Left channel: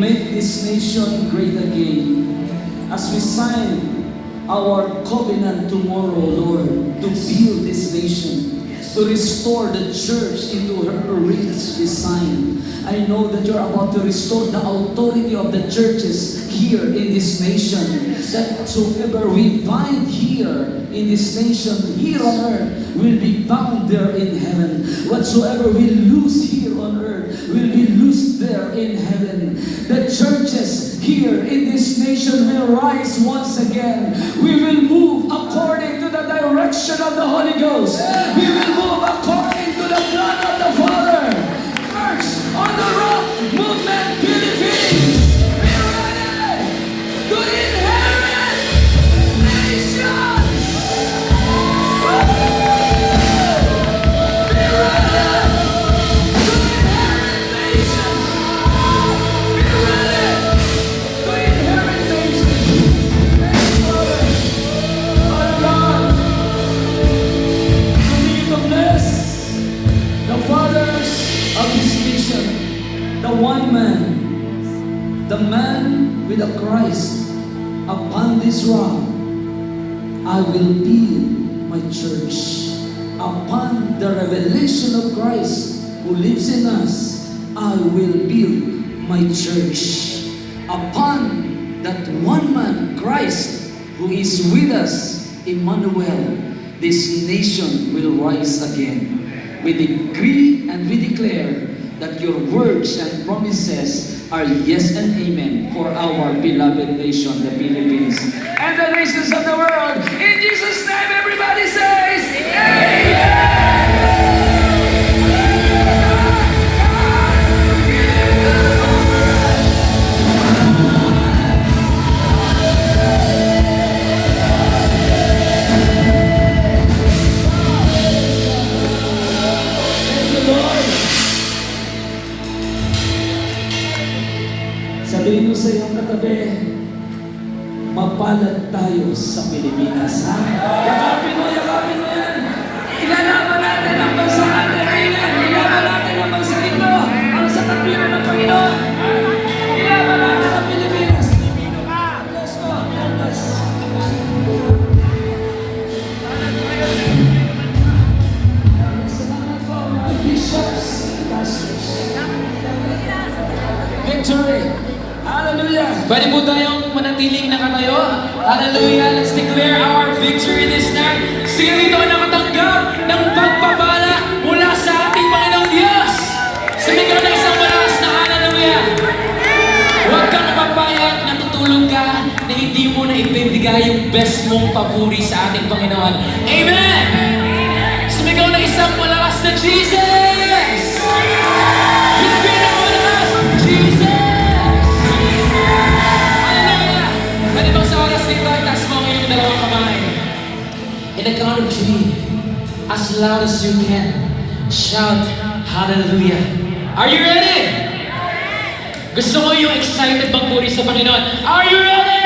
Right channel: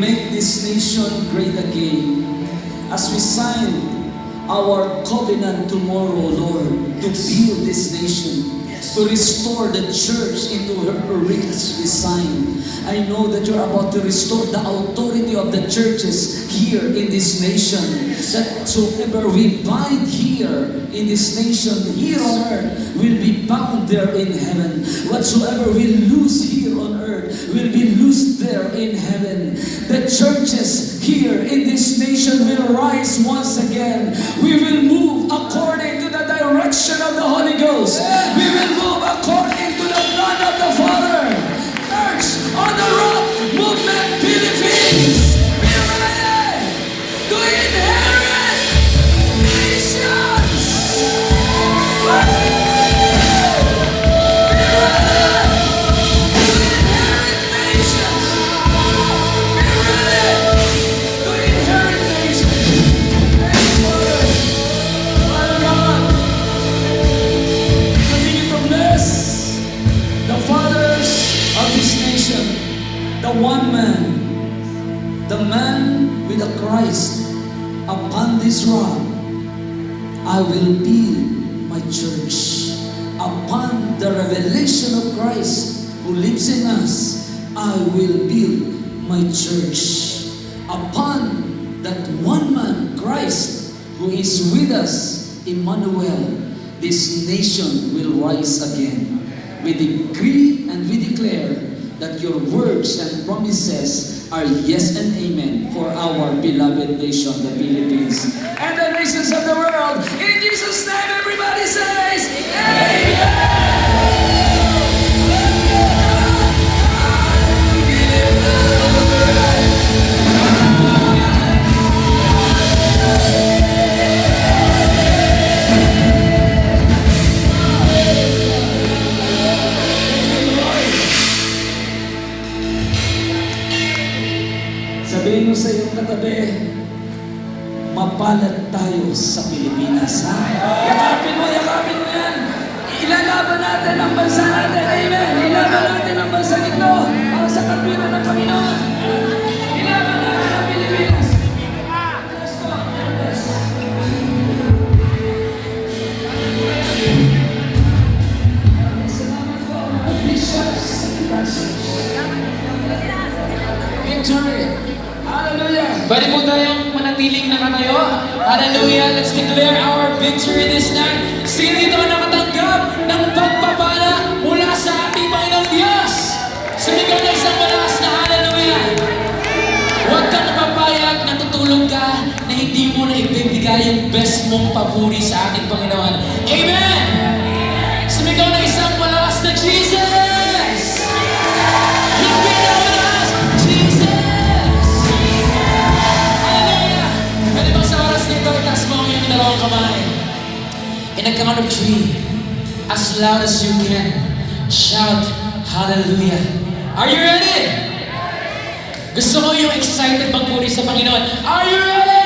make this nation great again. As we sign our covenant tomorrow, Lord, to build this nation, to restore the church into her original design. I know that you're about to restore the authority of the churches here in this nation. That whoever we bind here in this nation, here on earth, will be bound there in heaven. Whatsoever we lose here on earth will be loosed there in heaven. The churches here in this nation will rise once again. We will move according to the direction of the Holy Ghost. We will move according to the plan of the Father. Church on the Rock Movement Philippines, be ready to inherit nations. Be ready to inherit nations. Be ready to inherit nations. Thank you, Lord. Father God, continue to bless the fathers of this nation, the one man, the man with a Christ. Upon this rock, I will build my church. Upon the revelation of Christ who lives in us, I will build my church. Upon that one man, Christ, who is with us, Emmanuel, this nation will rise again. We decree and we declare that your words and promises are yes and amen for our beloved nation, the Philippines, and the nations of the world. In Jesus' name, everybody says, Amen! Sabihin mo sa iyong katabi, mapalad tayo sa Pilipinas, ha? Yakapin mo yan. Ilalaban natin ang bansa natin. Amen. Ilaban natin ang bansa nito para sa tagliran ng Panginoon. Ilaban natin ang Pilipinas. Salamat po mga bishops and pastors. Victory! Hallelujah! Pwede po tayong manatiling nakatayo. Hallelujah! Let's declare our victory this night. Sino ito ang nakatanggap ng pagpapala mula sa ating Panginoong Diyos? Sumigaw na isang malakas na hallelujah! Huwag kang mapapayag na tutulog ka na hindi mo na ibibigay yung best mong papuri sa ating Panginoon. Amen! Sumigaw na isang malakas na Jesus! In the count of three, as loud as you can, shout hallelujah. Are you ready? Gusto mo yung excited magpuri sa Panginoon? Are you ready?